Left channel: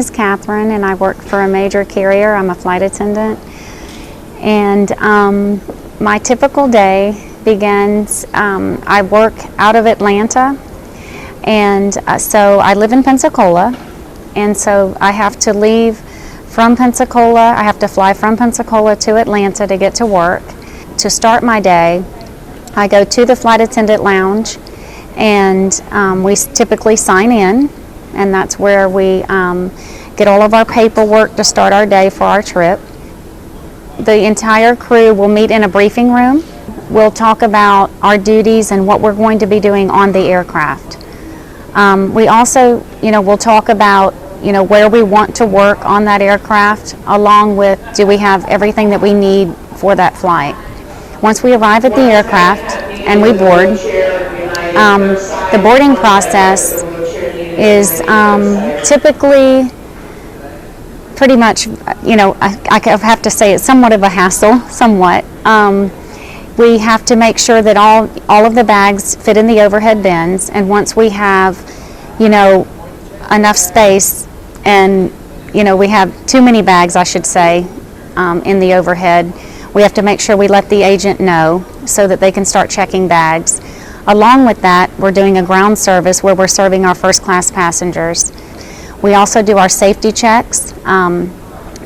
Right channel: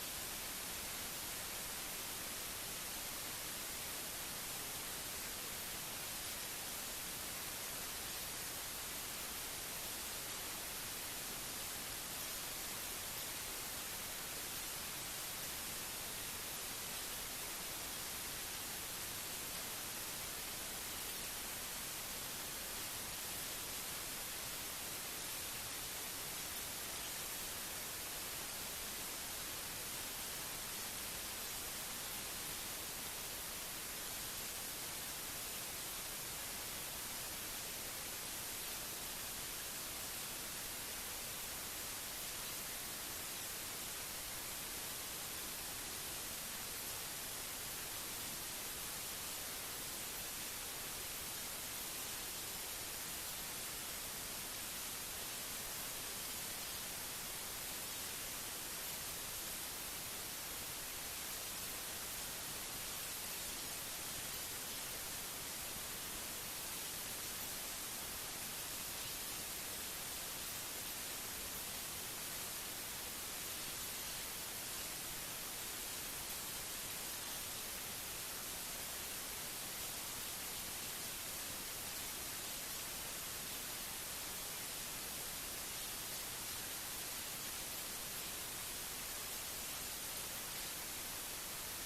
is Catherine, and I work for a major carrier. I'm a flight attendant. And my typical day begins, I work out of Atlanta, and so I live in Pensacola, and so I have to leave from Pensacola. I have to fly from Pensacola to Atlanta to get to work. To start my day, I go to the flight attendant lounge, and we typically sign in, and that's where we get all of our paperwork to start our day for our trip. The entire crew will meet in a briefing room. We'll talk about our duties and what we're going to be doing on the aircraft. We also, we'll talk about, where we want to work on that aircraft, along with, do we have everything that we need for that flight. Once we arrive at the aircraft and we board, the boarding process is typically pretty much, I have to say it's somewhat of a hassle, somewhat. We have to make sure that all of the bags fit in the overhead bins, and once we have, enough space, and we have too many bags, I should say, in the overhead, we have to make sure we let the agent know so that they can start checking bags. Along with that, we're doing a ground service where we're serving our first class passengers. We also do our safety checks,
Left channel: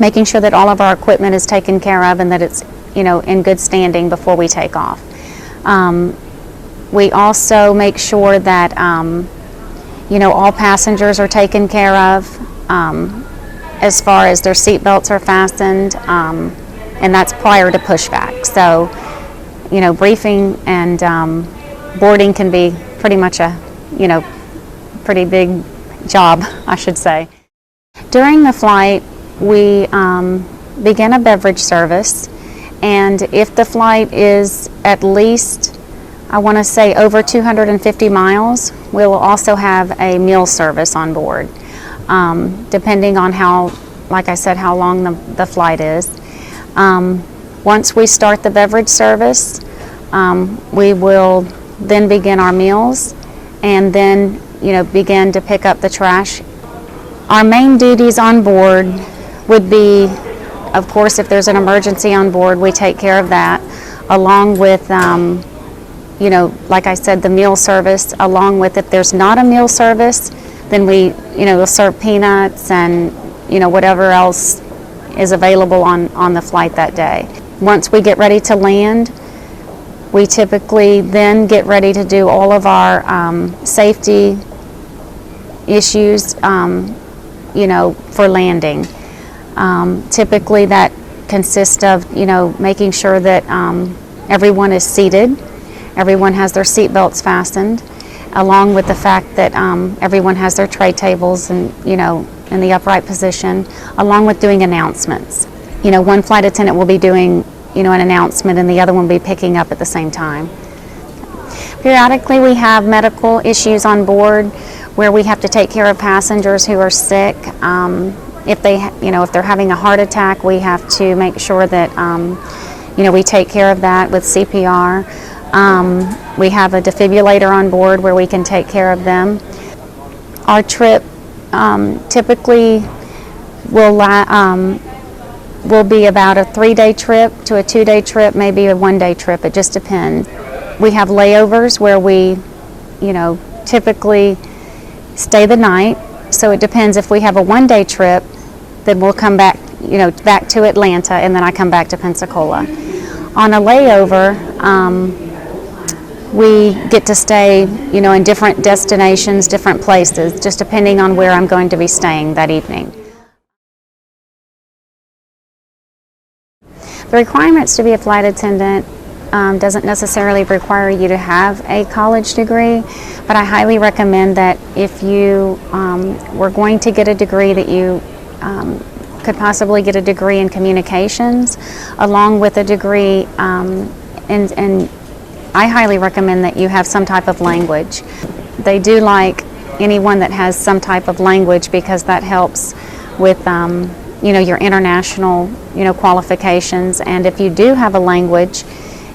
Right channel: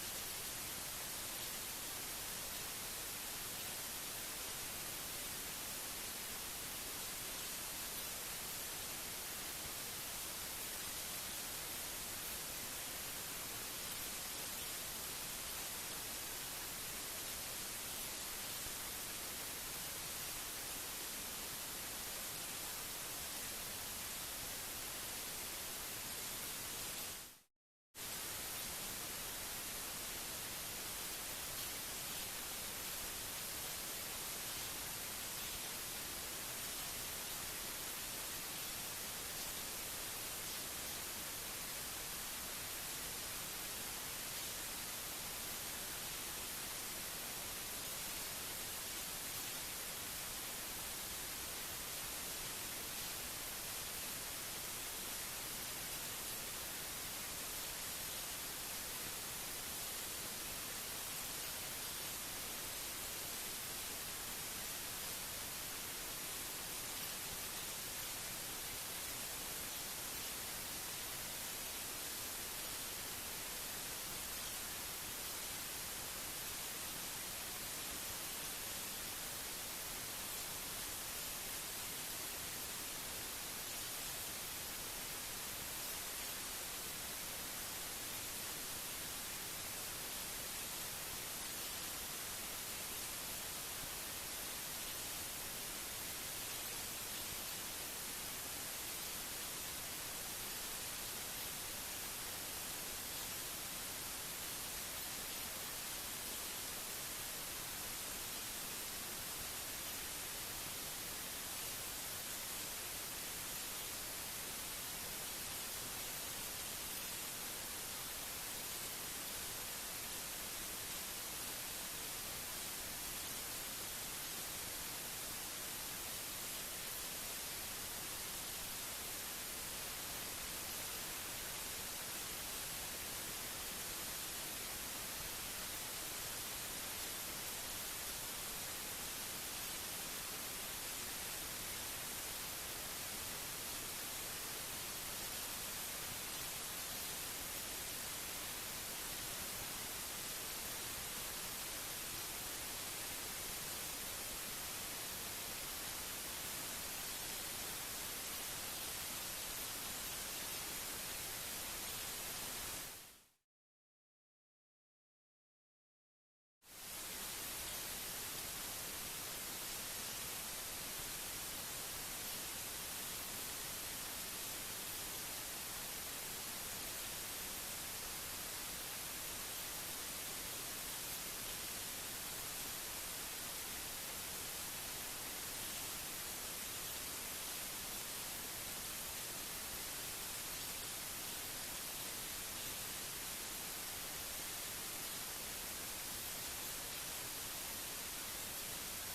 making sure that all of our equipment is taken care of and that it's in good standing before we take off. We also make sure that all passengers are taken care of as far as their seat belts are fastened, and that's prior to pushback. So, briefing and boarding can be pretty much a, pretty big job, I should say. During the flight, we begin a beverage service, and if the flight is at least, I want to say, over 250 miles, we'll also have a meal service on board, depending on how, like I said, how long the flight is. Once we start the beverage service, we will then begin our meals, and then begin to pick up the trash. Our main duties on board would be, of course, if there's an emergency on board, we take care of that, along with, like I said, the meal service. Along with, if there's not a meal service, then we'll serve peanuts and, whatever else is available on the flight that day. Once we get ready to land, we typically then get ready to do all of our safety issues, for landing. Typically that consists of, making sure that everyone is seated, everyone has their seat belts fastened, along with the fact that everyone has their tray tables and, in the upright position, along with doing announcements. One flight attendant will be doing, an announcement, and the other one will be picking up at the same time. Periodically, we have medical issues on board where we have to take care of passengers who are sick. If they're having a heart attack, we have to make sure that, we take care of that with CPR. We have a defibrillator on board where we can take care of them. Our trip typically will be about a 3-day trip to a 2-day trip, maybe a 1-day trip. It just depends. We have layovers where we, typically stay the night. So it depends. If we have a 1-day trip, then we'll come back, back to Atlanta, and then I come back to Pensacola. On a layover, we get to stay, in different destinations, different places, just depending on where I'm going to be staying that evening. The requirements to be a flight attendant doesn't necessarily require you to have a college degree, but I highly recommend that if you were going to get a degree, that you could possibly get a degree in communications, along with a degree, and I highly recommend that you have some type of language. They do like anyone that has some type of language, because that helps with your international qualifications. And if you do have a language,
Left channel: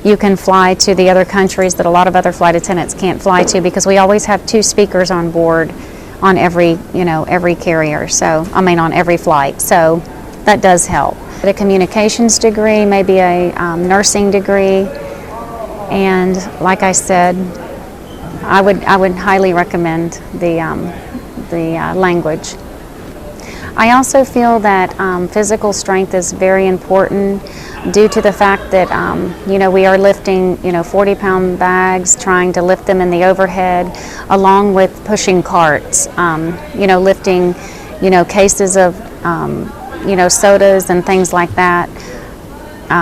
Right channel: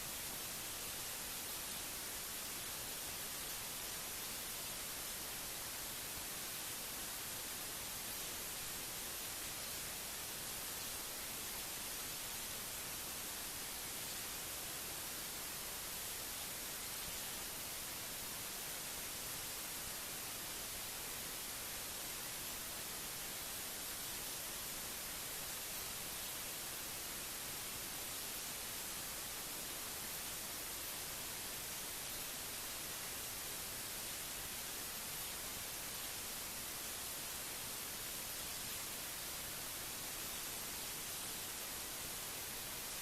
you can fly to the other countries that a lot of other flight attendants can't fly to, because we always have 2 speakers on board on every, every carrier. So, on every flight. So that does help. A communications degree, maybe a nursing degree, and like I said, I would highly recommend the language. I also feel that physical strength is very important due to the fact that we are lifting 40-pound bags, trying to lift them in the overhead, along with pushing carts, lifting cases of sodas and things like that,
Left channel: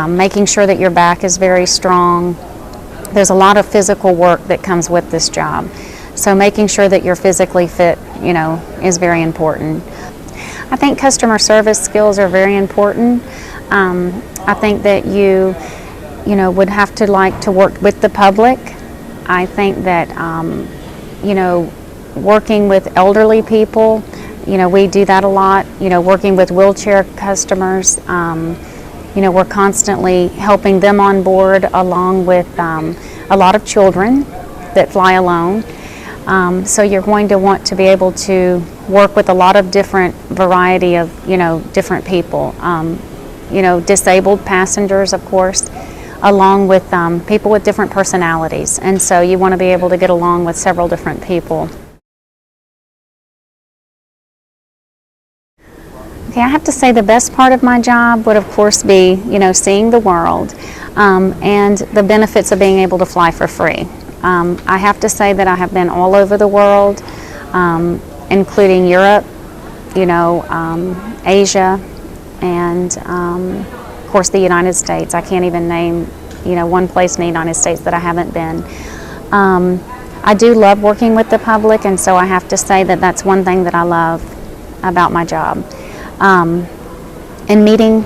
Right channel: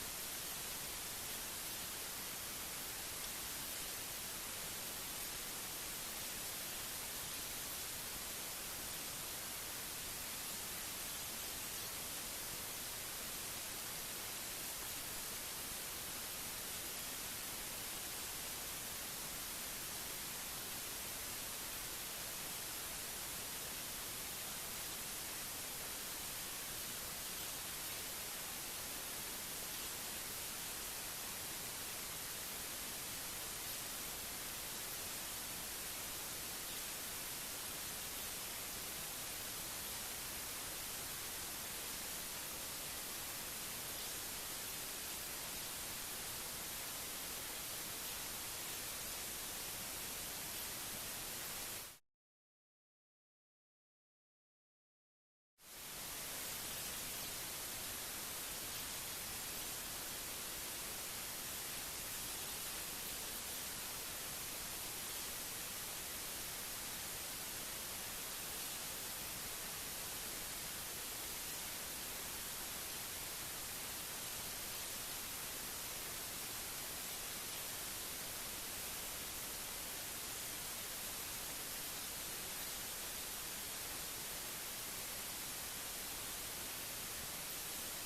making sure that your back is very strong. There's a lot of physical work that comes with this job, so making sure that you're physically fit is very important. I think customer service skills are very important. I think that you would have to like to work with the public. I think that working with elderly people, we do that a lot. Working with wheelchair customers, we're constantly helping them on board, along with a lot of children that fly alone. So you're going to want to be able to work with a lot of different variety of different people. Disabled passengers, of course, along with people with different personalities, and so you want to be able to get along with several different people. Okay, I have to say the best part of my job would of course be seeing the world and the benefits of being able to fly for free. I have to say that I have been all over the world, including Europe, Asia, and of course the United States. I can't even name one place in the United States that I haven't been. I do love working with the public, and so I have to say that that's one thing that I love about my job. And meeting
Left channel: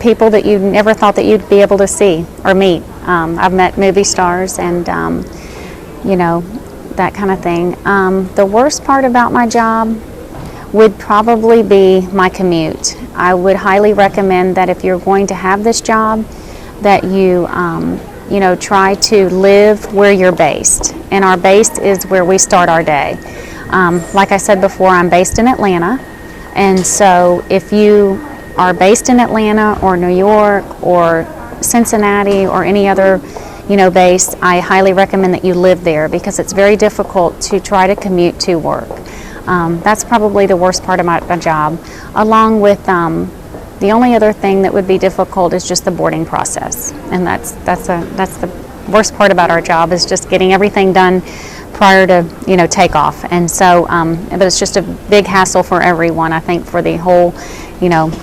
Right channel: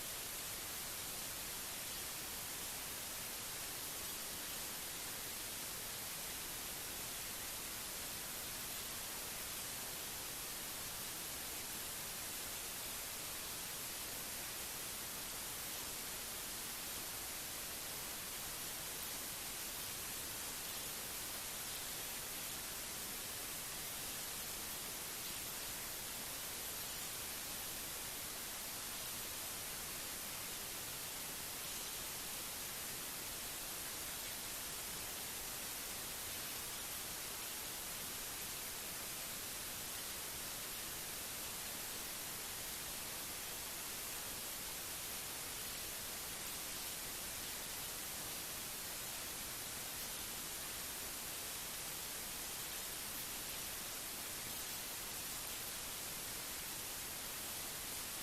people that you never thought that you'd be able to see or meet. I've met movie stars and that kind of thing. The worst part about my job would probably be my commute. I would highly recommend that if you're going to have this job, that you try to live where you're based. And our base is where we start our day. Like I said before, I'm based in Atlanta, and so if you are based in Atlanta or New York or Cincinnati or any other base, I highly recommend that you live there, because it's very difficult to try to commute to work. That's probably the worst part of my job, along with the only other thing that would be difficult is just the boarding process, and that's the worst part about our job, is just getting everything done prior to takeoff. And so but it's just a big hassle for everyone, I think, for the whole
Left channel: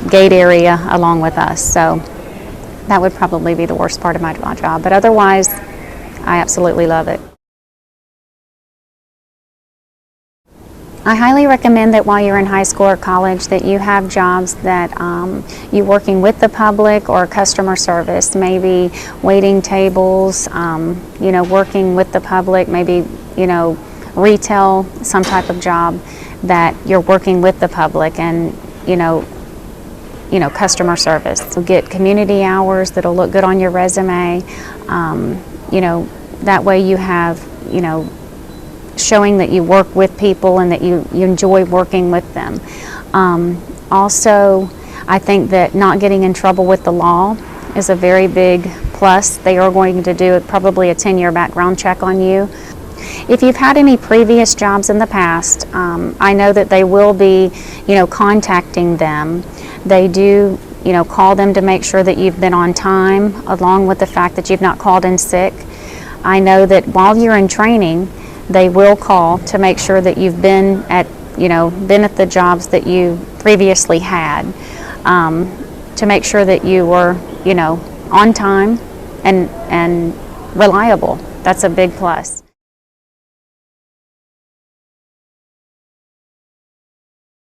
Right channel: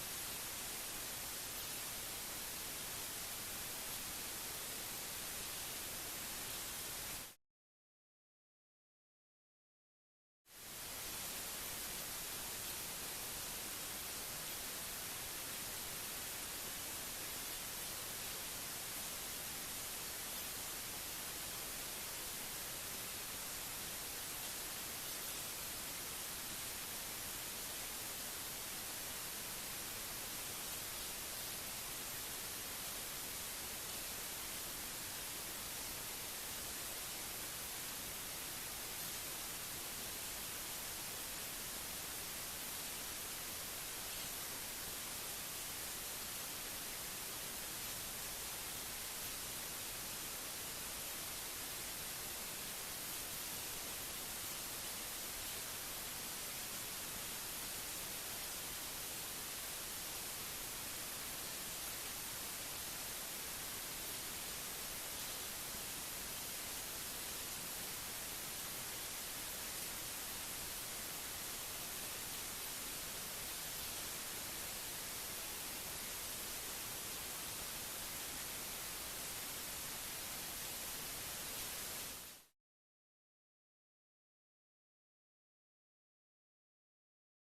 gate area along with us. So that would probably be the worst part of my job, but otherwise I absolutely love it. I highly recommend that while you're in high school or college that you have jobs that you're working with the public or customer service, maybe waiting tables, working with the public, maybe retail, some type of job that you're working with the public, and customer service. So get community hours that'll look good on your resume. That way you have showing that you work with people and that you enjoy working with them. Also, I think that not getting in trouble with the law is a very big plus. They are going to do probably a 10-year background check on you. If you've had any previous jobs in the past, I know that they will be, contacting them. They do, call them to make sure that you've been on time, along with the fact that you've not called in sick. I know that while you're in training, they will call to make sure that you've been at the jobs that you previously had, to make sure that you were, on time and reliable. That's a big plus.